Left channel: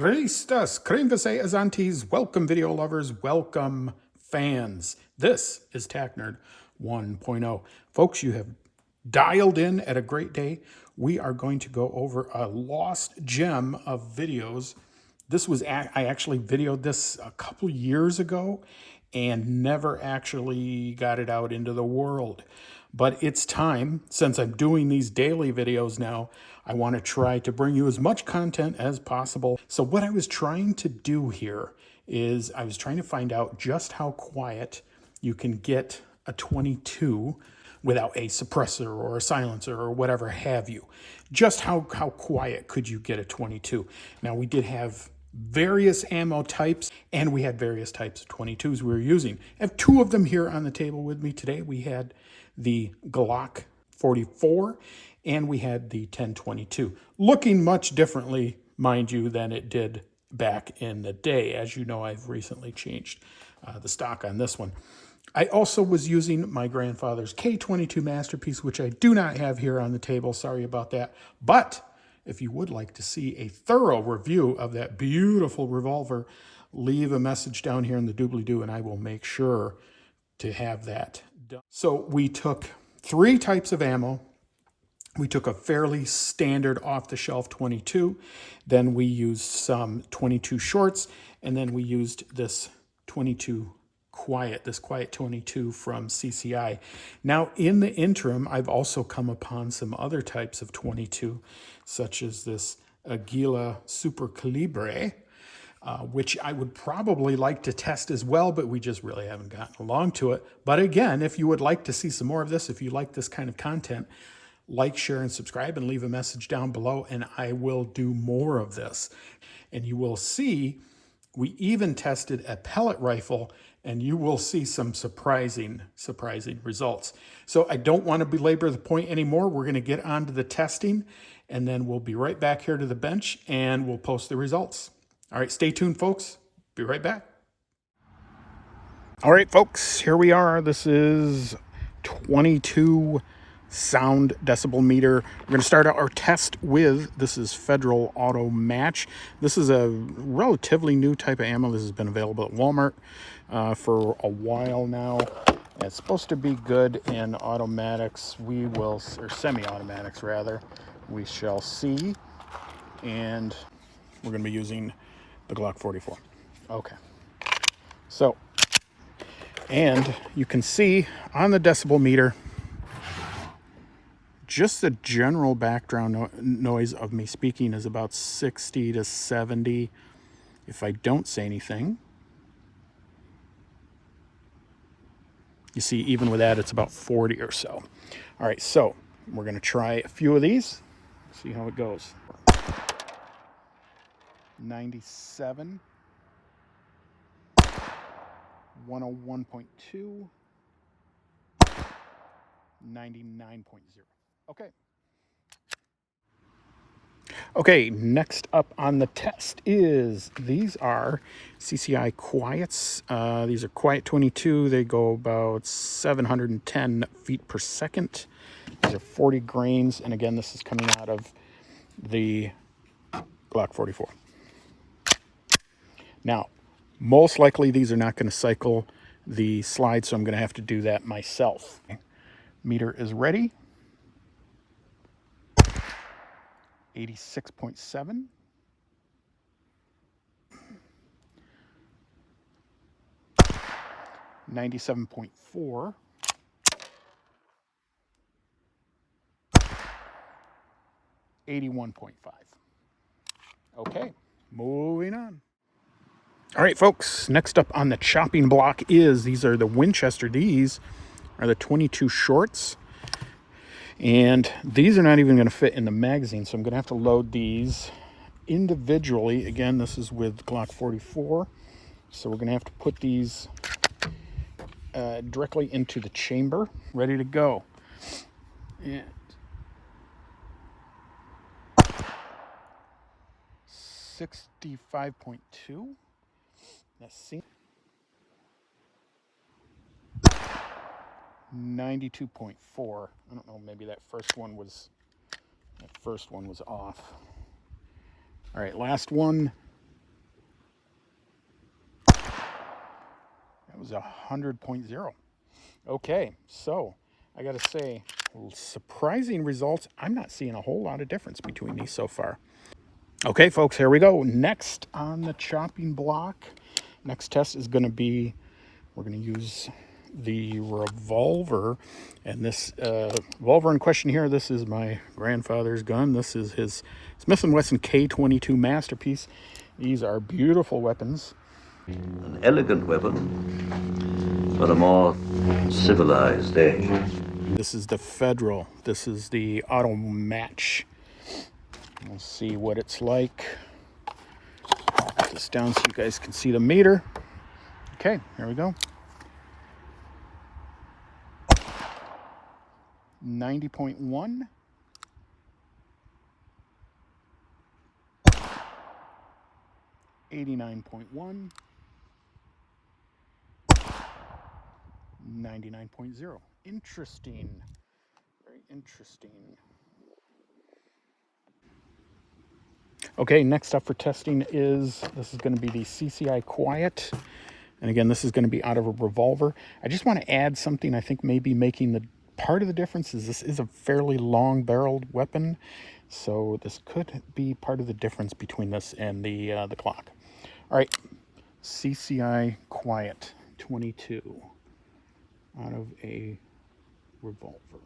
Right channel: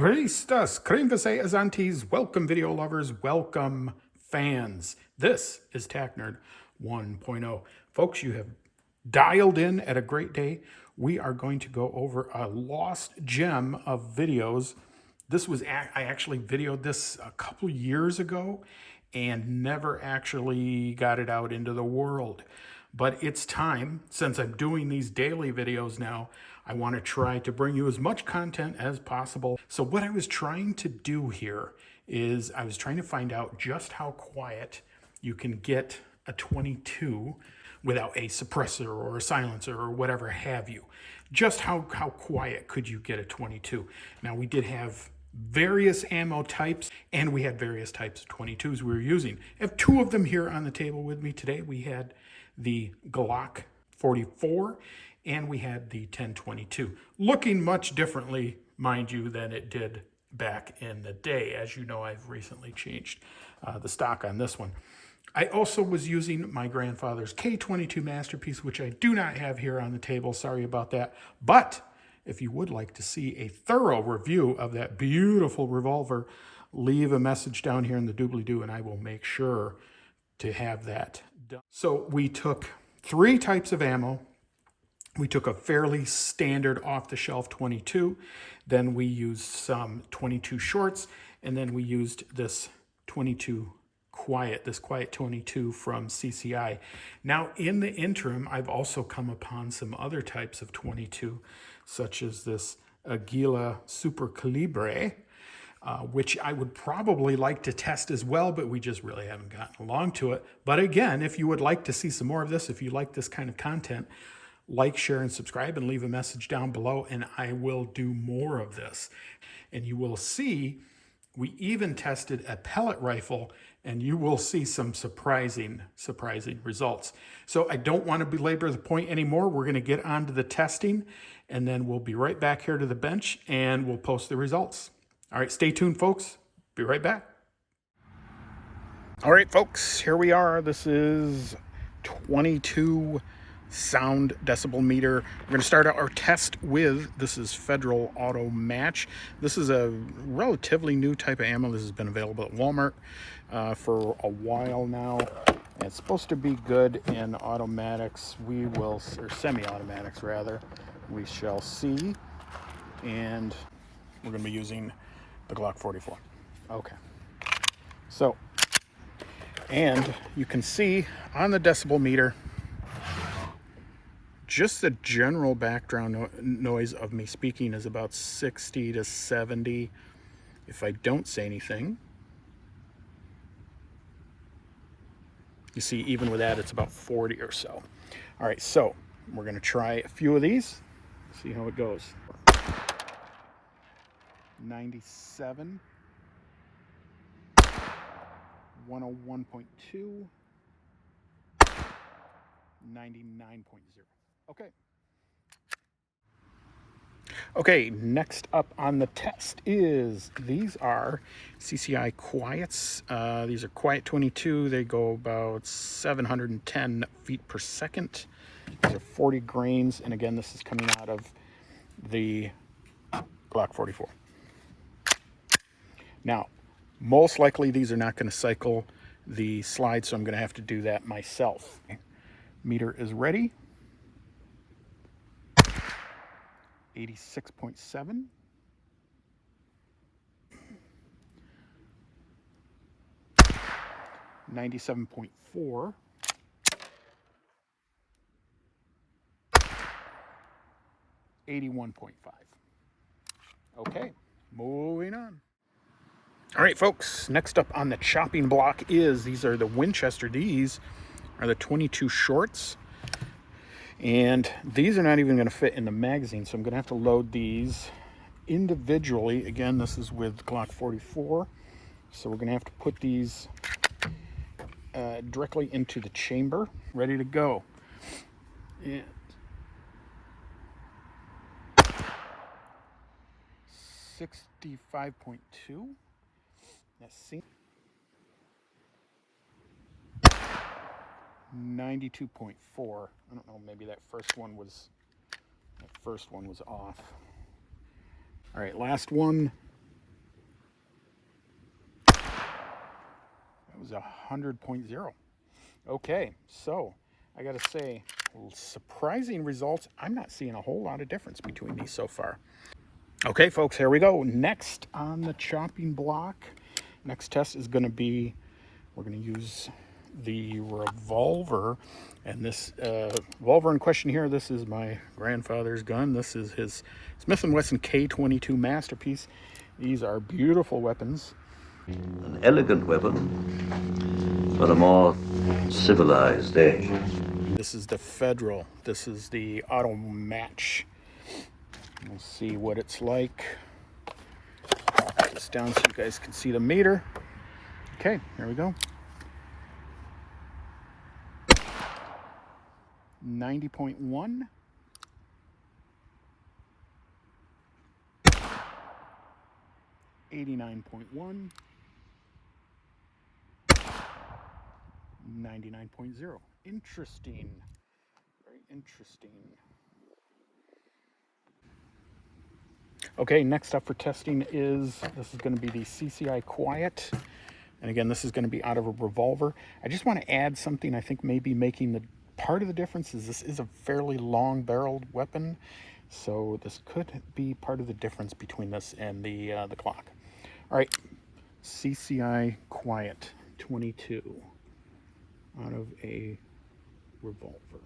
Ristas, Kremvase Azantes, welcome video lovers, welcome fans. This is Tac Nerd 1.0. Folks, you have dialed in at a great day. We are going to go over a lost gem of videos. I actually videoed this a couple years ago and never actually got it out into the world. But it's time, since I'm doing these daily videos now, I want to try to bring you as much content as possible. So what I was trying to do here is I was trying to find out just how quiet you can get a 22 without a suppressor or a silencer or whatever have you. Just how quiet could you get a 22? Now, we did have various ammo types, and we had various types of 22s we were using. I have two of them here on the table with me today. We had the Glock 44, and we had the 1022, looking much differently, mind you, than it did back in the day. As you know, I've recently changed the stock on this one. I also was using my grandfather's K22 Masterpiece, which I do not have here on the table. Sorry about that. But if you would like to see a thorough review of that beautiful revolver, leave a message down here in the doobly-doo, and I will make sure to have that done. So we took three types of ammo. We took a fairly standard off-the-shelf 22. Then we used some 22 shorts, and then we used this 22 Quiet 22 from CCI. Now, in the interim, I've also come upon some other types of 22, such as this Aguila Super Calibre, which I would probably like to test as well, but we just really haven't gotten along to it. But again, if you would like to see some more of this, if you like this kind of content, like, share, and subscribe, and leave a message down below, and I will do more of this. And you will see, we even tested a pellet rifle, and you will see some surprising results. So I don't want to belabor the point anymore. We're going to get on to the testing, and then we'll be right back here to the bench, and we'll post the results. All right, stay tuned, folks. Be right back. All right, folks, here we are. This is 22 sound decibel meter. We're going to start out our test with, this is Federal Auto Match. This is a relatively new type of ammo. This has been available at Walmart for a while now. It's supposed to be good in automatics. We will, or semi-automatics rather. We shall see. And we're going to be using the Glock 44. Okay. So, and you can see on the decibel meter, just the general background noise of me speaking is about 60 to 70 if I don't say anything. You see, even with that, it's about 40 or so. All right, so we're going to try a few of these, see how it goes. 97, 101.2, 99.0. Okay. Okay, next up on the test is, these are CCI Quiets. These are Quiet 22. They go about 710 feet per second. These are 40 grains, and again, this is coming out of the Glock 44. Now, most likely these are not going to cycle the slide, so I'm going to have to do that myself. Meter is ready. 86.7. 97.4. 81.5. Okay, moving on. All right, folks, next up on the chopping block is, these are the Winchester. These are the 22 shorts. And these are not even going to fit in the magazine, so I'm going to have to load these individually. Again, this is with Glock 44, so we're going to have to put these directly into the chamber, ready to go. And 65.2. Let's see. 92.4. I don't know, maybe that first one was off. All right, last one. That was 100.0. Okay, so I got to say, surprising results. I'm not seeing a whole lot of difference between these so far. Okay, folks, here we go. Next on the chopping block, next test is going to be, we're going to use the revolver. And this revolver in question here, this is my grandfather's gun. This is his Smith & Wesson K22 Masterpiece. These are beautiful weapons. An elegant weapon for a more civilized age. This is the Federal. This is the auto match. Let's see what it's like. Put this down so you guys can see the meter. Okay, here we go. 90.1. 89.1. 99.0. Interesting. Very interesting. Okay, next up for testing is, this is going to be the CCI Quiet. And again, this is going to be out of a revolver. I just want to add something I think maybe making the part of the difference is this is a fairly long barreled weapon. So this could be part of the difference between this and the Glock. All right, CCI Quiet 22 out of a revolver.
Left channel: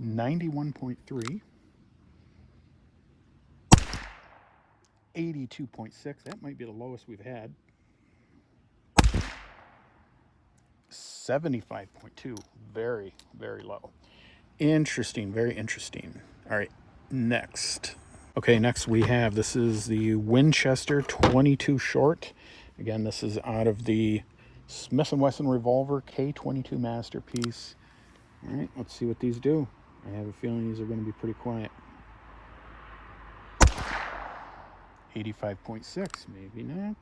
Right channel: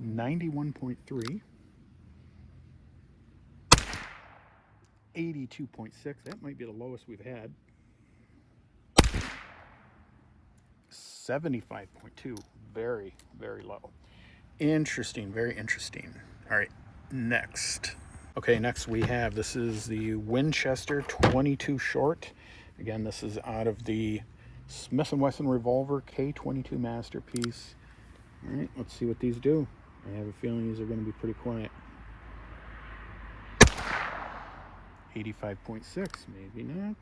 91.3. 82.6. That might be the lowest we've had. 75.2. Very, very low. Interesting. Very interesting. All right. Next. Okay, next we have, this is the Winchester 22 short. Again, this is out of the Smith & Wesson revolver K22 Masterpiece. All right, let's see what these do. I have a feeling these are going to be pretty quiet. 85.6, maybe not.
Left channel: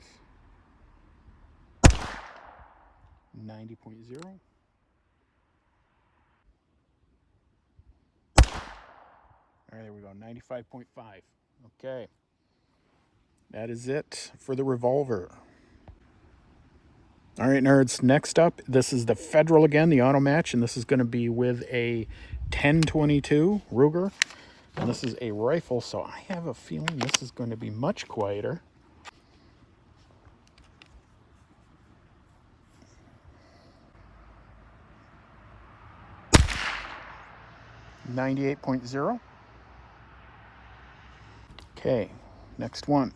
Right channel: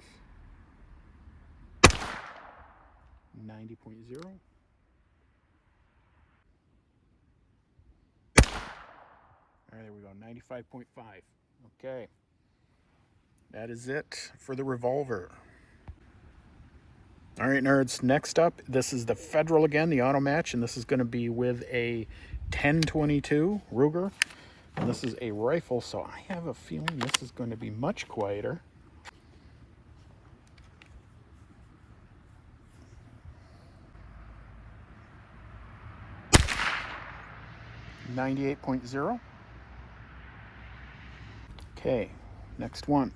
90.0. All right, there we go, 95.5. Okay. That is it for the revolver. All right, nerds, next up, this is the Federal again, the auto match, and this is going to be with a 1022 Ruger. And this is a rifle, so I have a feeling this is going to be much quieter. 98.0. Okay, next one.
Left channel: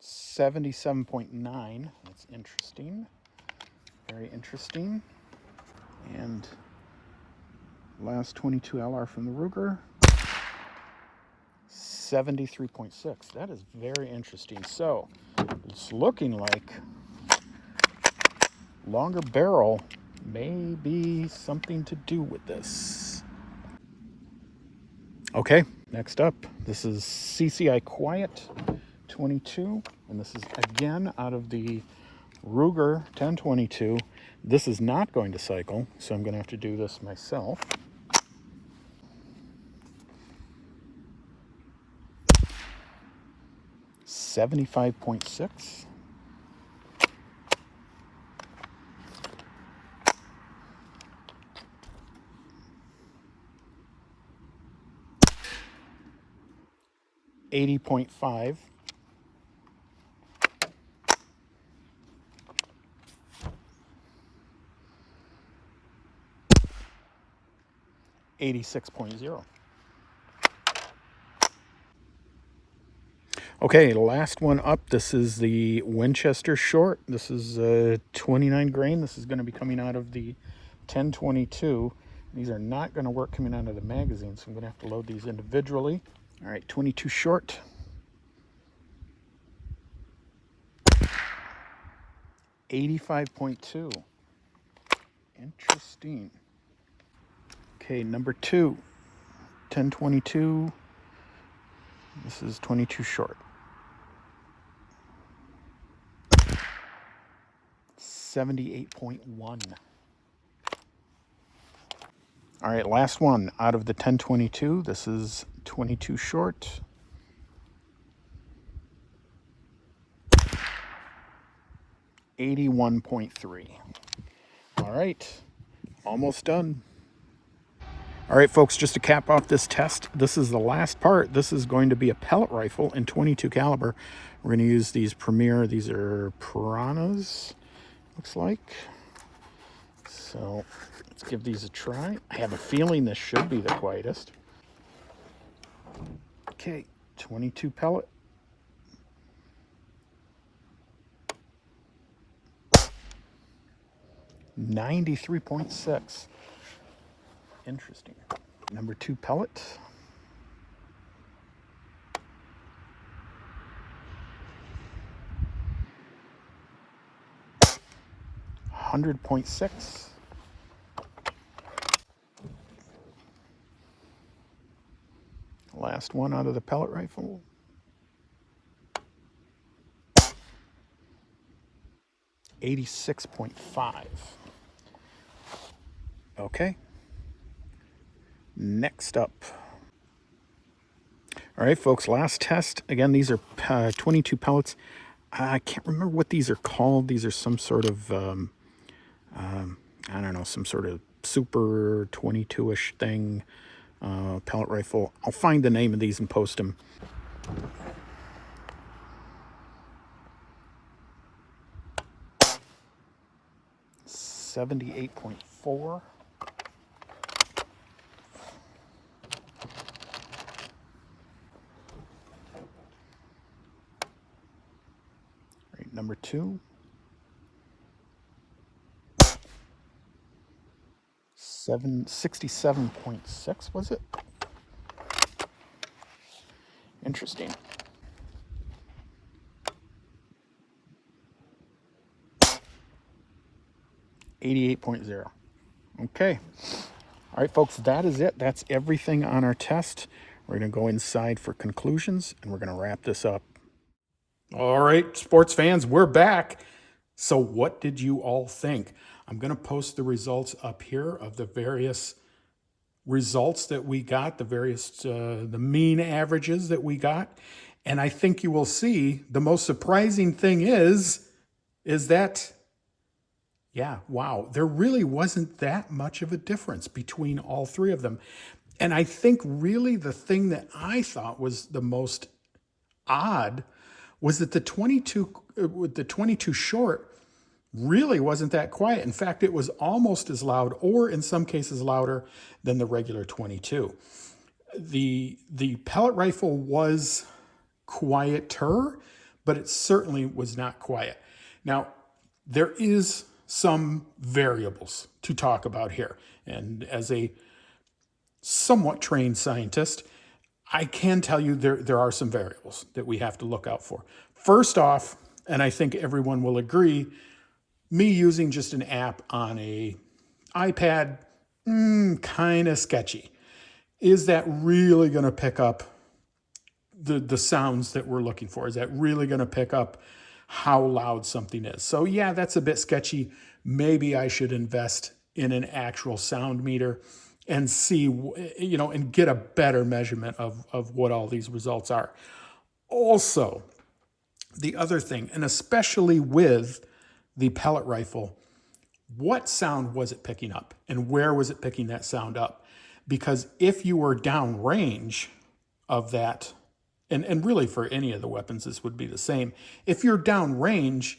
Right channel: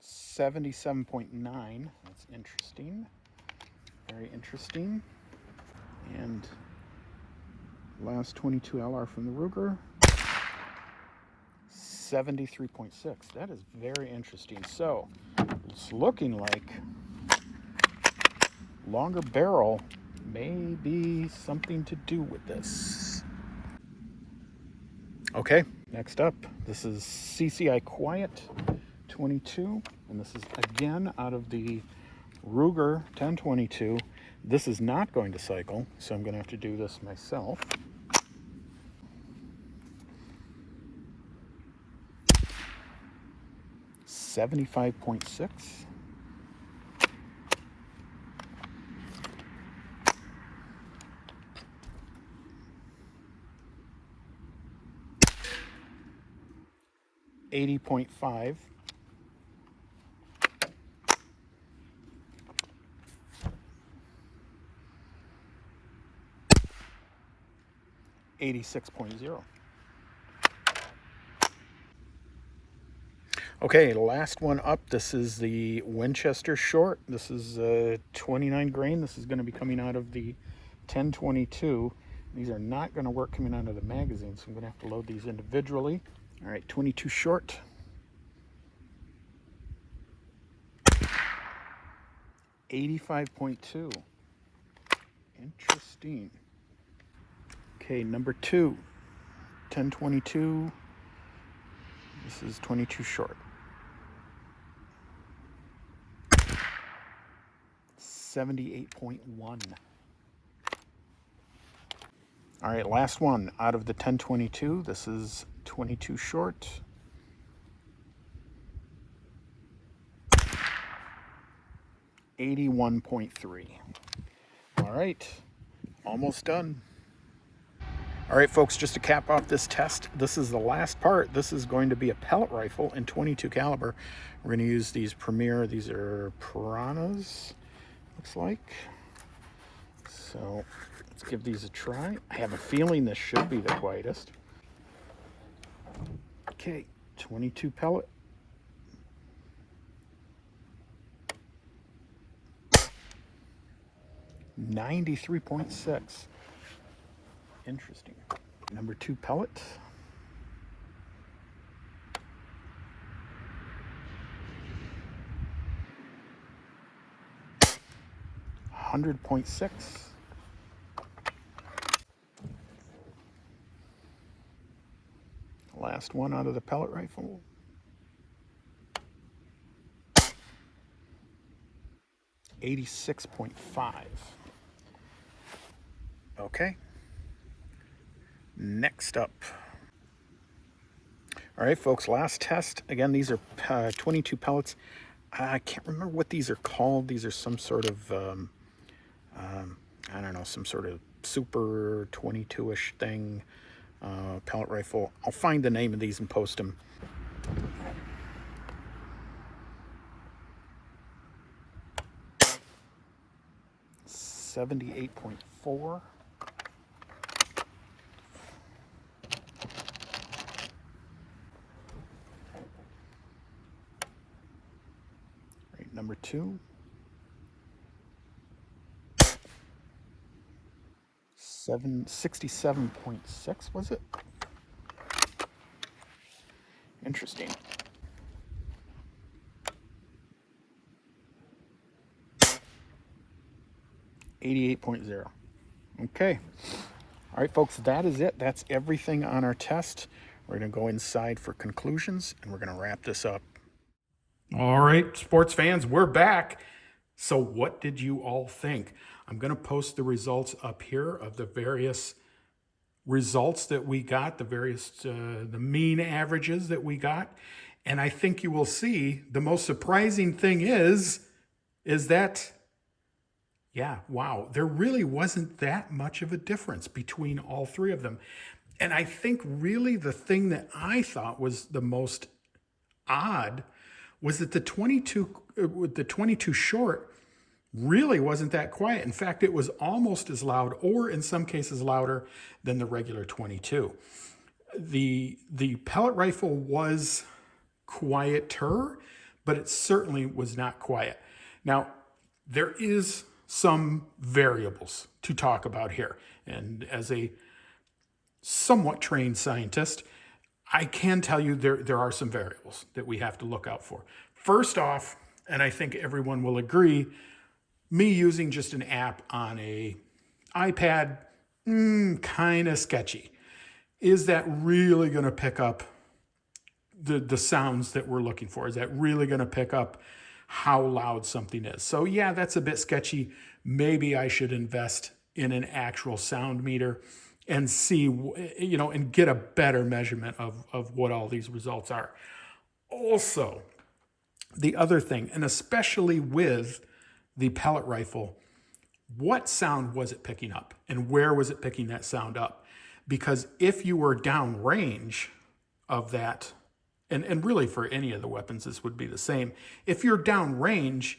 77.9. That's interesting. Very interesting. And last 22 LR from the Ruger. 73.6. That is very interesting. So it's looking like longer barrel may be something to do with this. Okay, next up, this is CCI Quiet 22, and this is again out of the Ruger 1022. This is not going to cycle, so I'm going to have to do this myself. $75.6. 80.5. 86.0. Okay, last one up. This is the Winchester short. This is 29 grain. This is going to be coming out of the 1022. These are not going to work coming out of the magazine, so I'm going to have to load these individually. All right, 22 short. 85.2. Interesting. Okay, number 2, 1022. This is 22 short. 78.1. All right, last one out of the 1022. This is 22 short. $81.3. All right, almost done. All right, folks, just to cap off this test, this is the last part. This is going to be a pellet rifle in 22 caliber. We're going to use these Premier, these are Piranhas, looks like. So let's give these a try. I have a feeling this should be the quietest. Okay, 22 pellet. $93.6. Interesting. Number 2 pellet. $100.6. Last one out of the pellet rifle. $86.5. Okay. Next up. All right, folks, last test. Again, these are 22 pellets. I can't remember what these are called. These are some sort of, I don't know, some sort of super 22-ish thing, pellet rifle. I'll find the name of these and post them. $78.4. Right, number 2. 67.6, was it? Interesting. $88.0. Okay. All right, folks, that is it. That's everything on our test. We're going to go inside for conclusions, and we're going to wrap this up. All right, sports fans, we're back. So what did you all think? I'm going to post the results up here of the various results that we got, the various, the mean averages that we got. And I think you will see the most surprising thing is that, yeah, wow, there really wasn't that much of a difference between all three of them. And I think really the thing that I thought was the most odd was that the 22 short really wasn't that quiet. In fact, it was almost as loud, or in some cases louder, than the regular 22. The pellet rifle was quieter, but it certainly was not quiet. Now, there is some variables to talk about here. And as a somewhat trained scientist, I can tell you there are some variables that we have to look out for. First off, and I think everyone will agree, me using just an app on a iPad, kind of sketchy. Is that really going to pick up the sounds that we're looking for? Is that really going to pick up how loud something is? So yeah, that's a bit sketchy. Maybe I should invest in an actual sound meter and see, and get a better measurement of what all these results are. Also, the other thing, and especially with the pellet rifle, what sound was it picking up and where was it picking that sound up? Because if you were downrange of that, and really for any of the weapons, this would be the same. If you're downrange,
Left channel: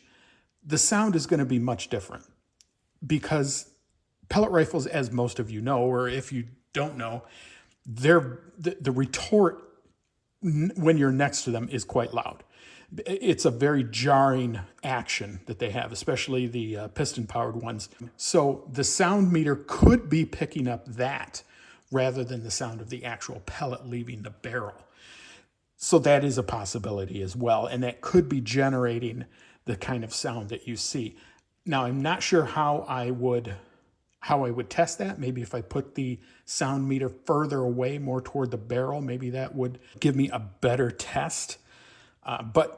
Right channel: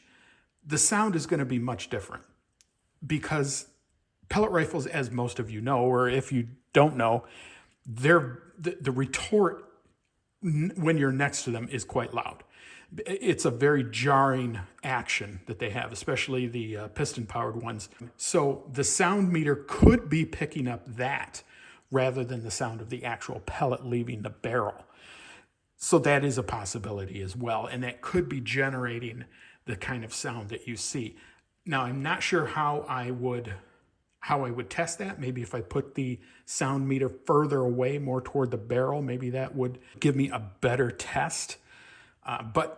the sound is going to be much different, because pellet rifles, as most of you know, or if you don't know, the retort when you're next to them is quite loud. It's a very jarring action that they have, especially the piston-powered ones. So the sound meter could be picking up that rather than the sound of the actual pellet leaving the barrel. So that is a possibility as well, and that could be generating the kind of sound that you see. Now, I'm not sure how I would test that. Maybe if I put the sound meter further away, more toward the barrel, maybe that would give me a better test. But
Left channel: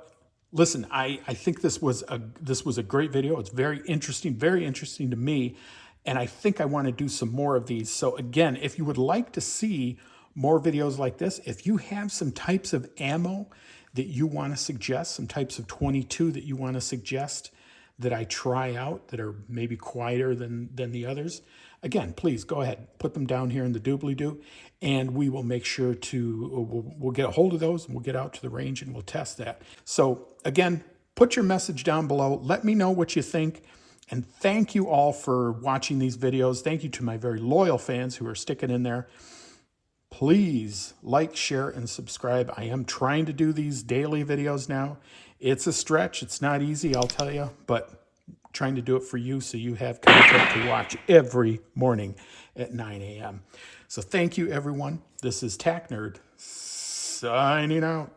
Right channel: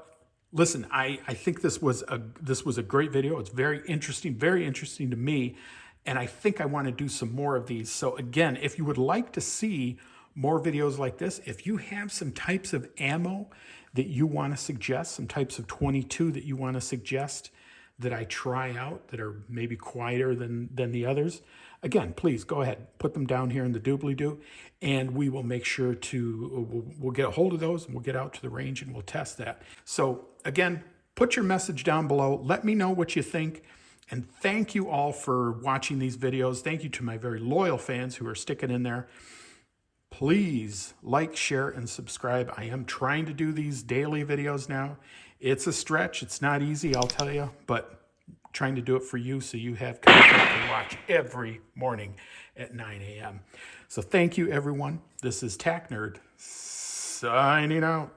listen, I think this was a great video. It's very interesting to me. And I think I want to do some more of these. So again, if you would like to see more videos like this. If you have some types of ammo that you want to suggest, some types of 22 that you want to suggest that I try out that are maybe quieter than the others, again, please go ahead, put them down here in the doobly-doo, and we will make sure to, we'll get a hold of those, and we'll get out to the range and we'll test that. So again, put your message down below. Let me know what you think. And thank you all for watching these videos. Thank you to my very loyal fans who are sticking in there. Please like, share, and subscribe. I am trying to do these daily videos now. It's a stretch. It's not easy, I'll tell you, but trying to do it for you so you have content to watch every morning at 9 a.m. So thank you, everyone. This is Tac Nerd signing out.